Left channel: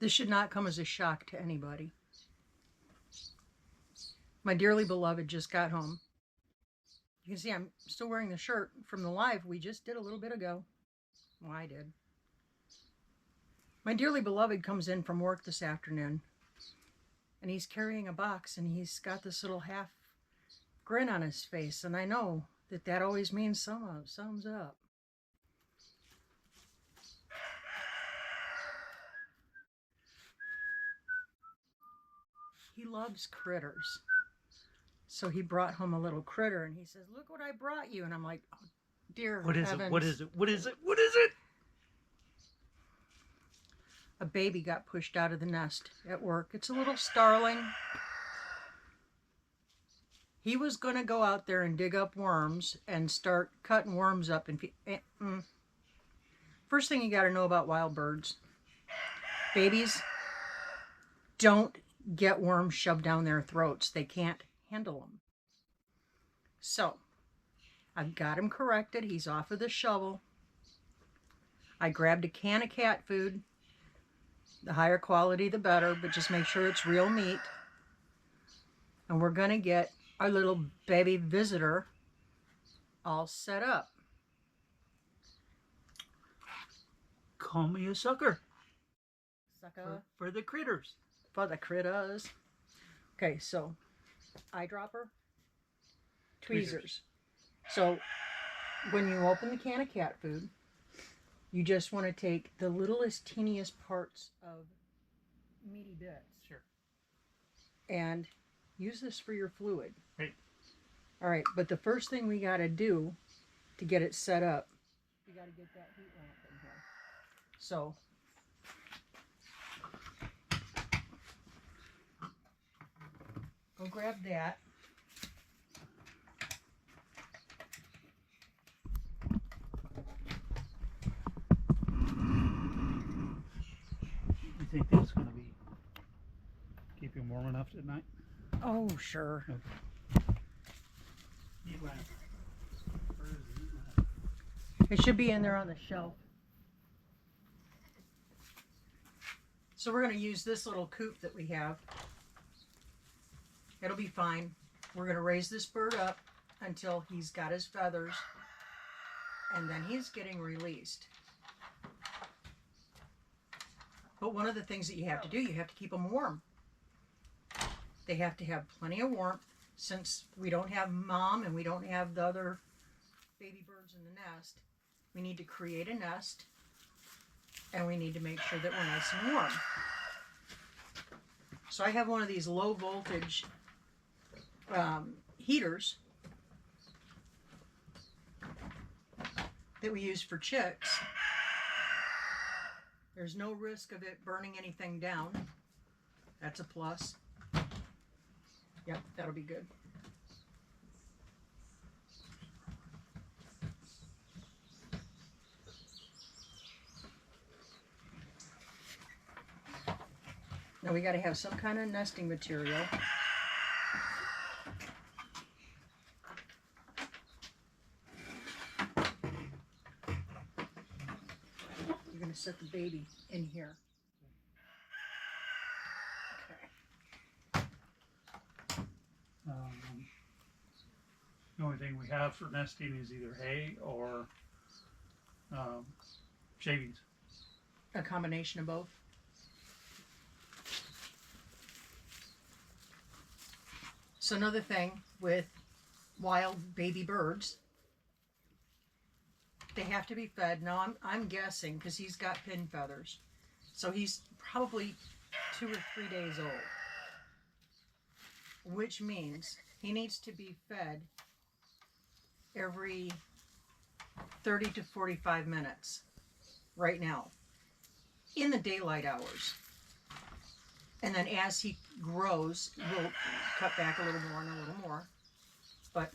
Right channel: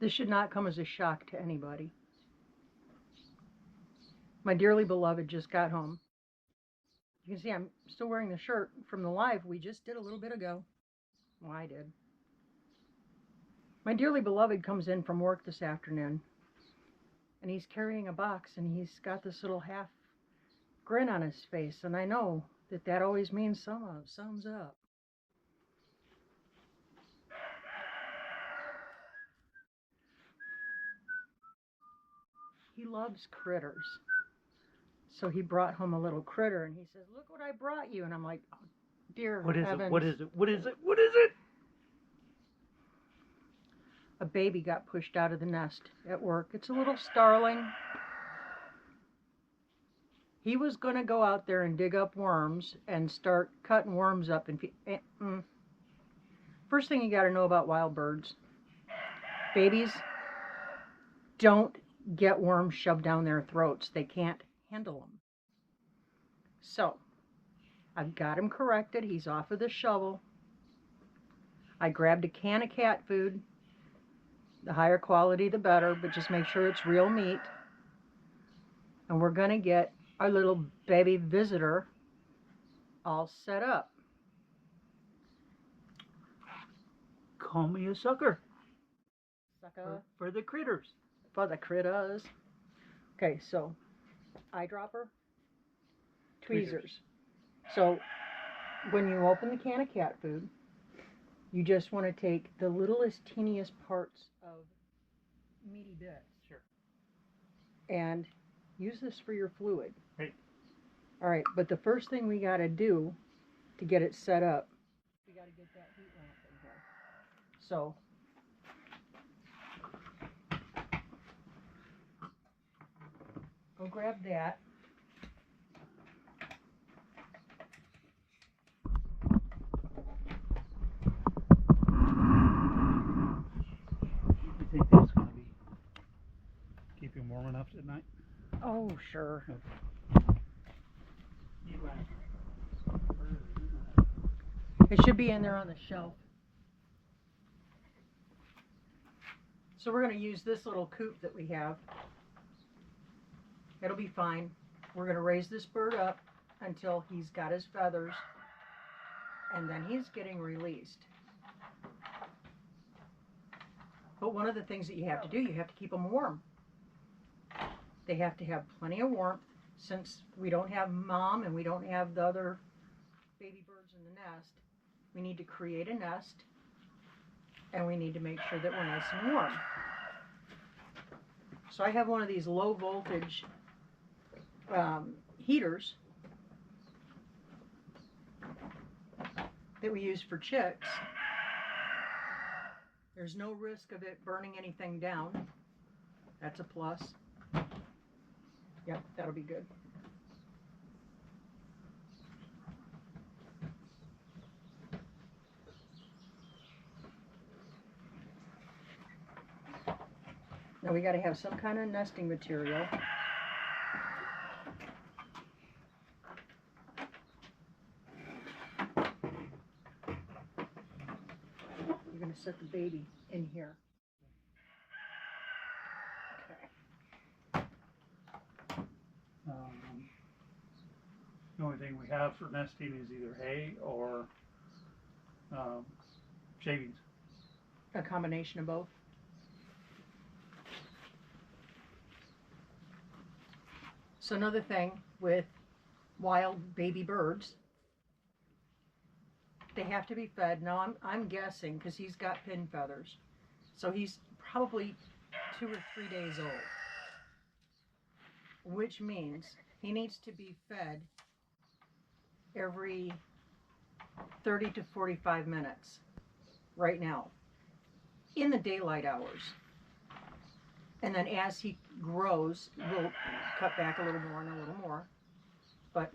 This should not come as a shock to anybody. My dearly beloved just got home. You can see I'm still wearing the shirt from the live we just did a little bit ago. Well, I did. My dearly beloved comes in from work this afternoon, and he's carrying a box, and he's got this little half grin on his face, and I know that that always means sums up. He loves critters. So he brought home a little critter, and he says, "Look what I brought you." And I'm like, "Oh, dear What is heavens. it? What is it? What is it? What is it? A baby got pushed out of the nest at work. It's a little starling. He was going to go out there and dig up worms and start cutting worms up. And first thing you got to know about wild birds, babies don't get worms shoved down their throats. They can't handle them. So I've got him corrected. He's off of the shovel. I grabbed a can of cat food. The higher quality, the better, but just make sure it's real meat. And we're going to get our little baby visitor all set up. Call me a sucker. Sucker. For the critters. For the critters. Okay, so eyedropper, tweezers. So when you open the can of cat food, you just want to take the littlest, teeniest parts of meaty bits. Sure. And use this for your fluid. Right. All right, but the first thing we got to do to get it set up, we got to get that heat lamp in here. So go grab that. You think that's going to be keep you warm enough at night? Oh, sure. Okay. It should be in there on the shelf. So we're going to use this little coop that we have. It'll be fine. We're going to raise this bird up until he's got his feathers, and then he's getting released. But one of the things that you have to do, you have to keep them warm. They have to have plenty of warmth. Since we don't have mom and we don't have the other baby birds in the nest, we need to create a nest, and we need to make sure that we're nice and warm. So I have one of these low voltage heaters that we use for chicks. There's no risk of it burning anything down. That's a plus. Yep, that'll be good. Now we got to have some kind of nesting material. You're going to set the baby in here. The only thing we have for nesting is either hay or shavings. A combination of both. So another thing with wild baby birds, they have to be fed. Now I'm guessing because he's got pin feathers, so he's probably 2 or 3 days old, which means he needs to be fed every 30 to 45 minutes right now in the daylight hours. And then as he grows, we'll cut back a little more and a little more. But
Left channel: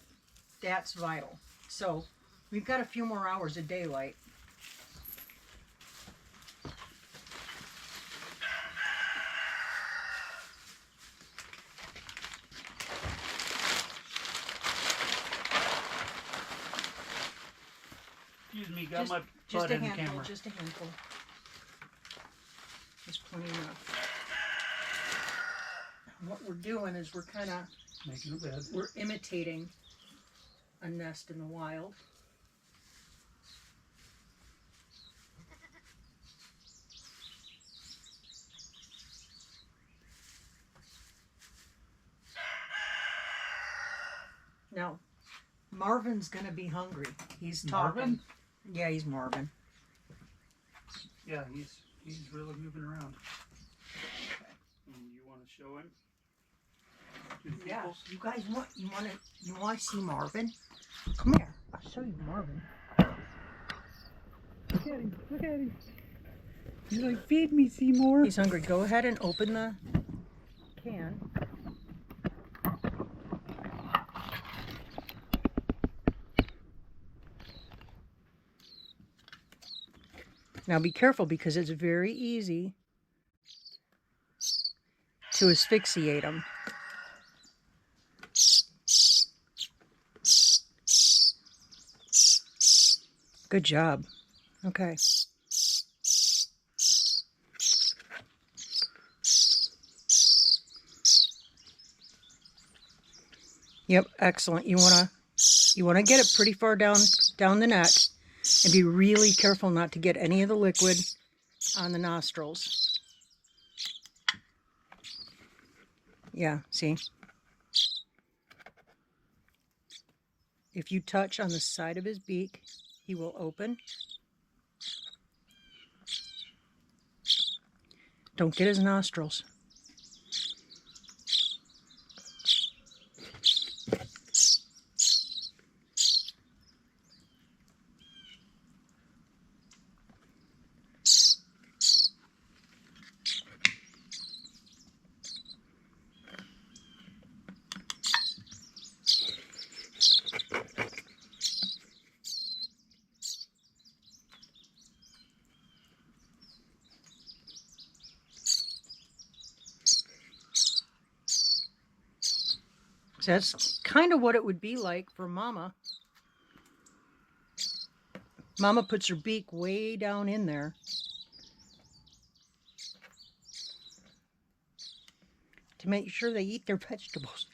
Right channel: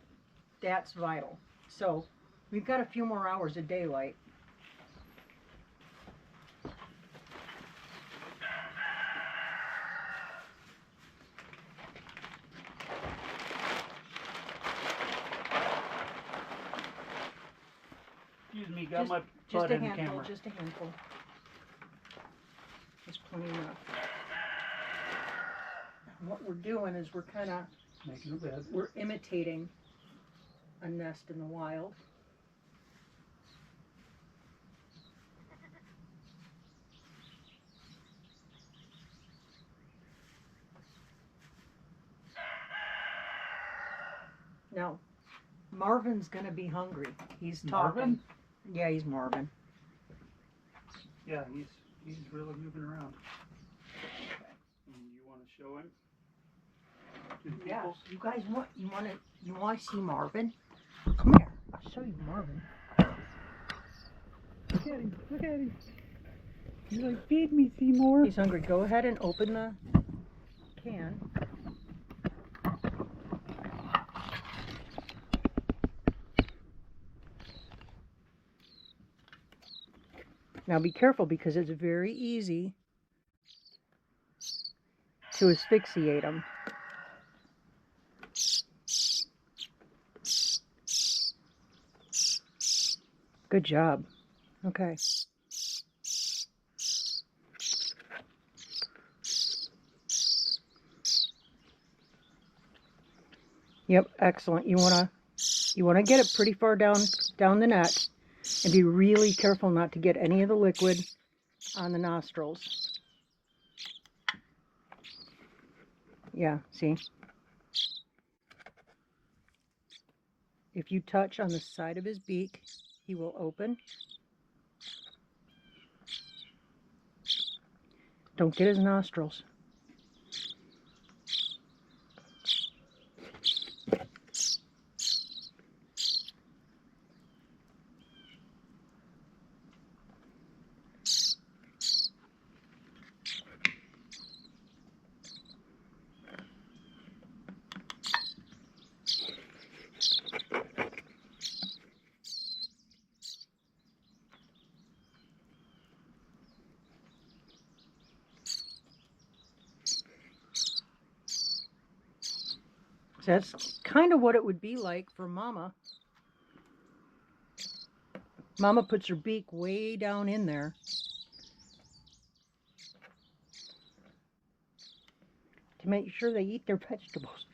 that's vital. So we've got a few more hours of daylight. Excuse me, got my Just butt a in the handful, camera. just a handful. There's plenty enough. what we're doing is we're kind of, Making a bed. we're imitating a nest in the wild. Now, Marvin's gonna be hungry. He's talking. Marvin? Yeah, he's Marvin. Yeah, he's really moving around. And you want to show him? To the Yeah, people? you guys want to see Marvin? Come here, I'll show you Marvin. Look at him! Look at him! He's like, feed me, Seymour. He's hungry. Go ahead and open the can. Now be careful because it's very easy to asphyxiate him. Good job. Okay. Yep, excellent. You wanna get it pretty far down the neck, and be really careful not to get any of the liquid on the nostrils. Yeah, see? If you touch on the side of his beak, he will open. Don't get his nostrils. So that's kind of what it would be like for Mama. Mama puts her beak way down in there to make sure they eat their vegetables.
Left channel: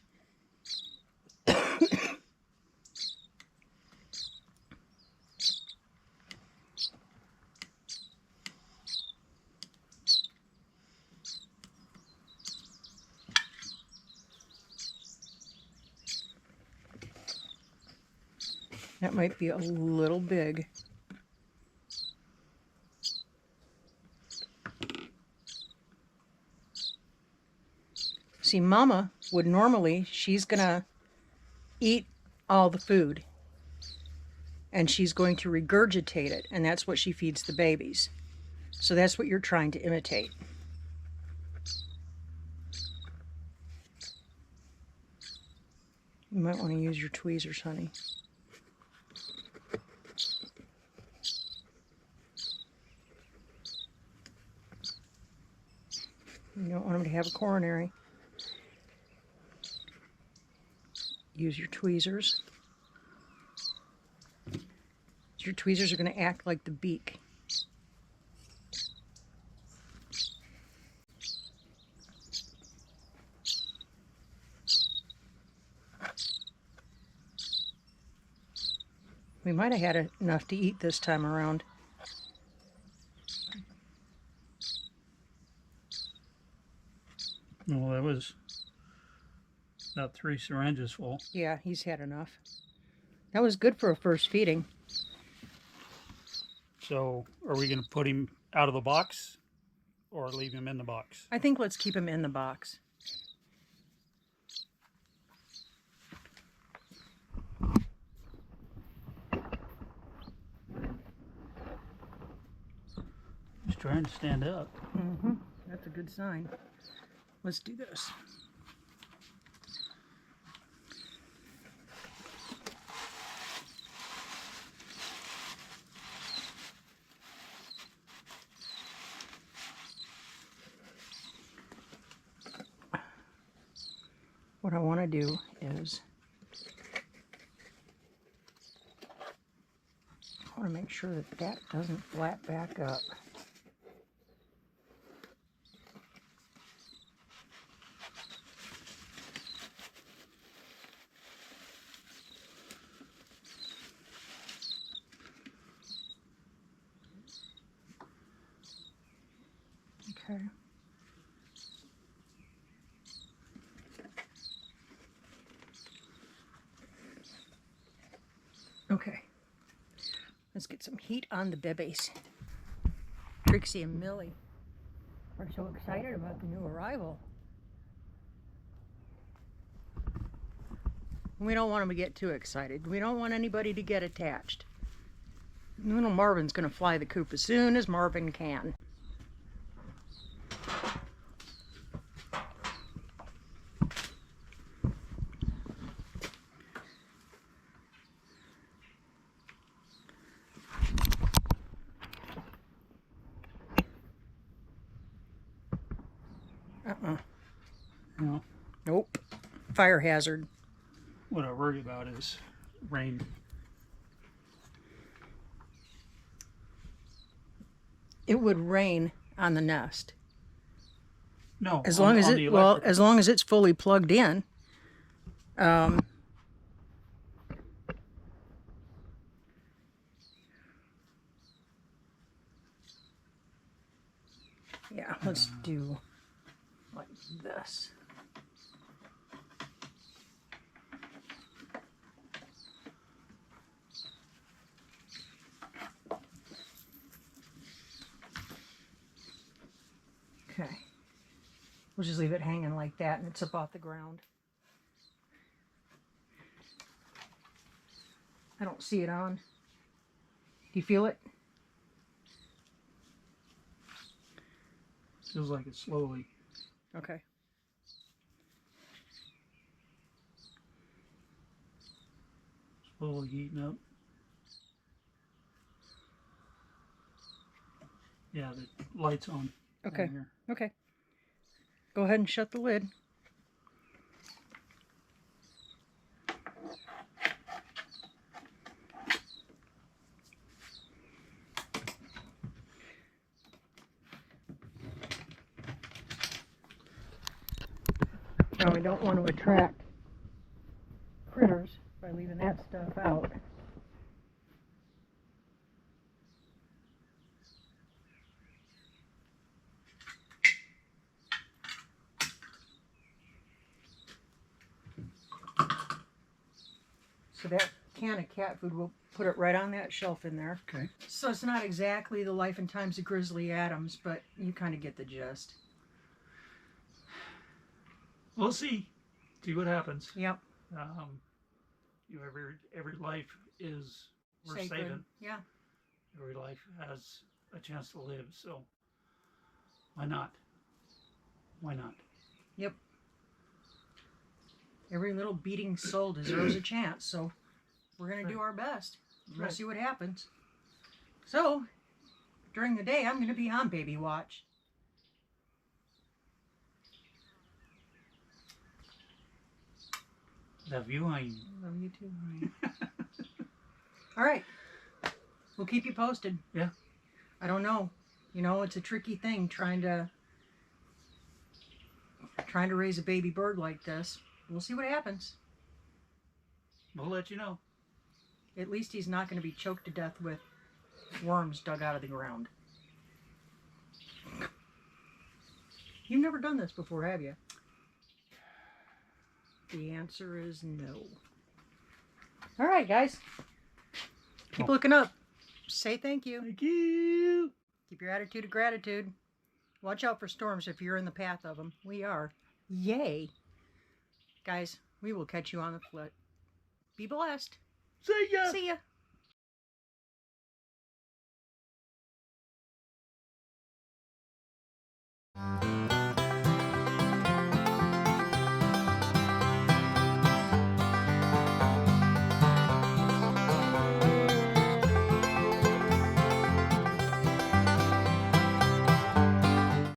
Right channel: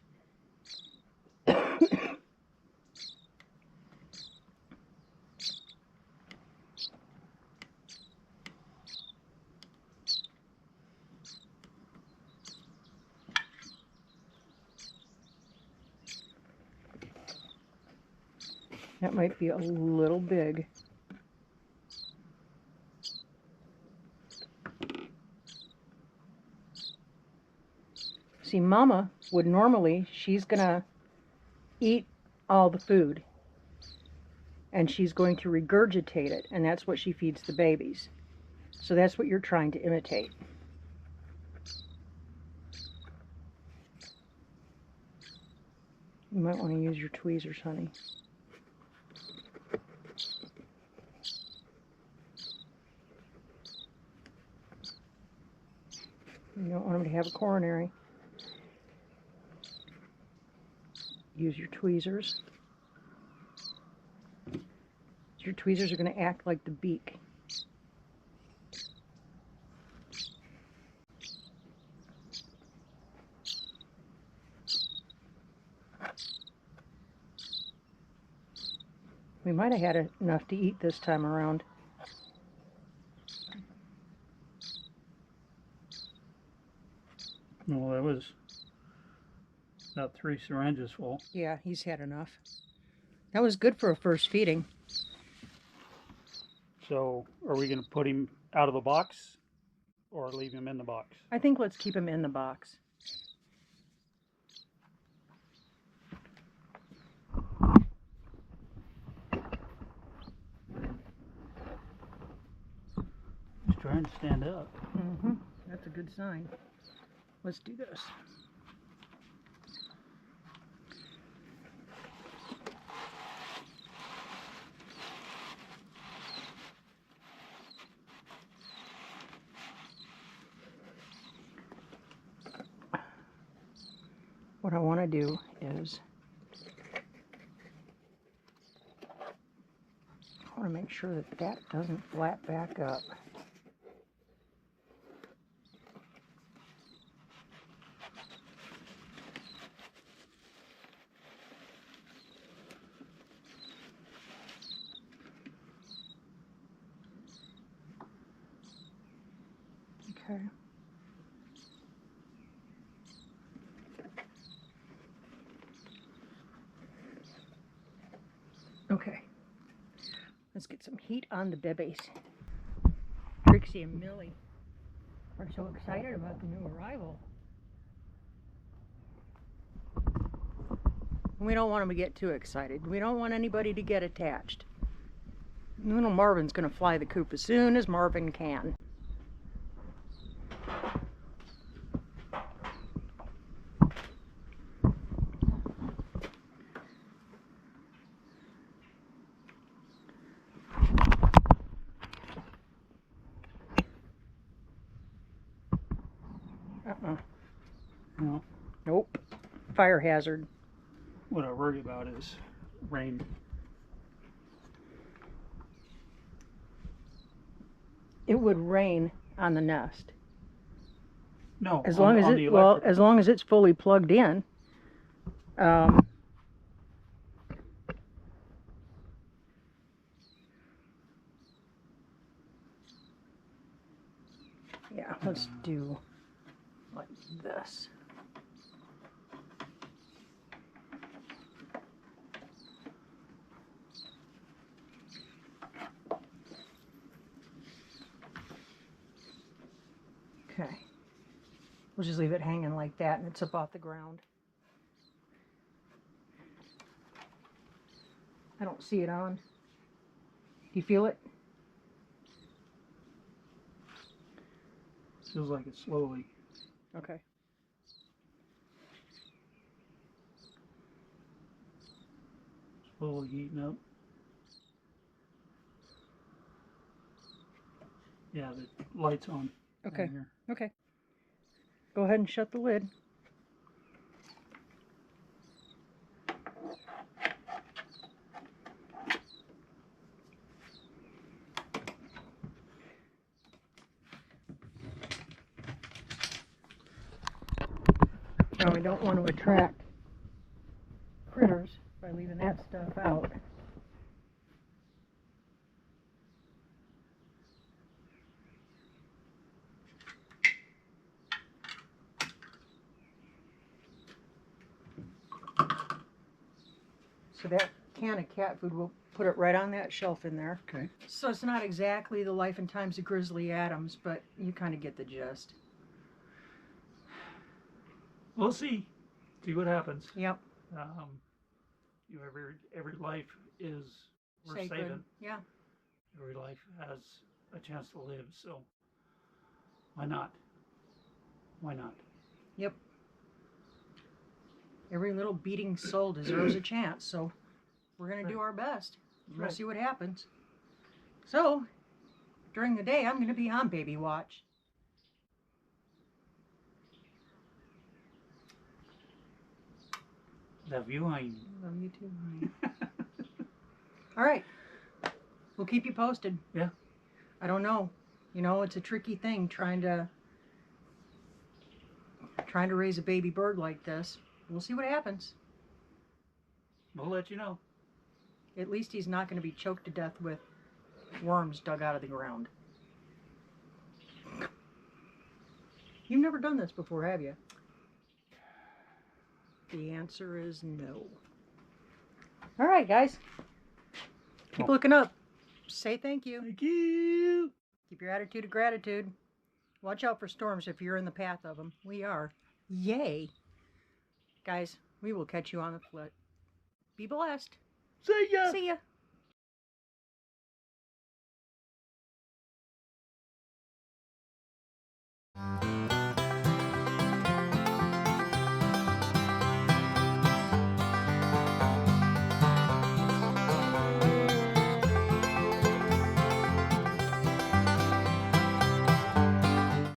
That might be a little big. See, Mama would normally, she's gonna eat all the food and she's going to regurgitate it, and that's what she feeds the babies. So that's what you're trying to imitate. You might want to use your tweezers, honey. You don't want them to have a coronary. Use your tweezers. Your tweezers are going to act like the beak. We might have had enough to eat this time around. No, that was about 3 syringes full. Yeah, he's had enough. That was good for a first feeding. So, are we going to put him out of the box or leave him in the box? I think let's keep him in the box. He's trying to stand up. Mm-hmm. That's a good sign. Let's do this. What I want to do is I want to make sure that that doesn't flap back up. Okay. Okay. Let's get some heat on the babies. Trixie and Millie are so excited about the new arrival. We don't want them to get too excited. We don't want anybody to get attached. Little Marvin's going to fly the coop as soon as Marvin can. No. Nope. Fire hazard. What I worry about is rain. It would rain on the nest. No, As long as on it the well, electrical. as long as it's fully plugged in. Yeah, let's do like this. Okay. We'll just leave it hanging like that and it's up off the ground. I don't see it on. Do you feel it? Feels like it's slowly. Okay. Slowly heating up. Yeah, the light's on. Okay. Down here. Okay. Go ahead and shut the lid. Now we don't want to attract critters by leaving that stuff out. So that can of cat food, we'll put it right on that shelf in there. Okay. So it's not exactly the life and times of Grizzly Adams, but you kind of get the gist. We'll see. See what happens. Yep. Every life is worth Sacred. saving. Yeah. Every life has a chance to live. So why not? Why not? Yep. Every little beating soul deserves a chance, so we're going to do our best. We'll Right. see what happens. So, during the day, I'm going to be on baby watch. Love you, I. Love you too, honey. All right. We'll keep you posted. Yeah. I don't know. You know, it's a tricky thing trying to raise a baby bird like this. We'll see what happens. We'll let you know. At least he's not going to be choked to death with worms dug out of the ground. You've never done this before, have you? The answer is no. All right, guys. Keep looking up. Say thank you. Thank you. Keep your attitude of gratitude. Watch out for storms if you're in the path of them. We are. Yay. Guys, we will catch you on the flip. Be blessed. See ya. See ya.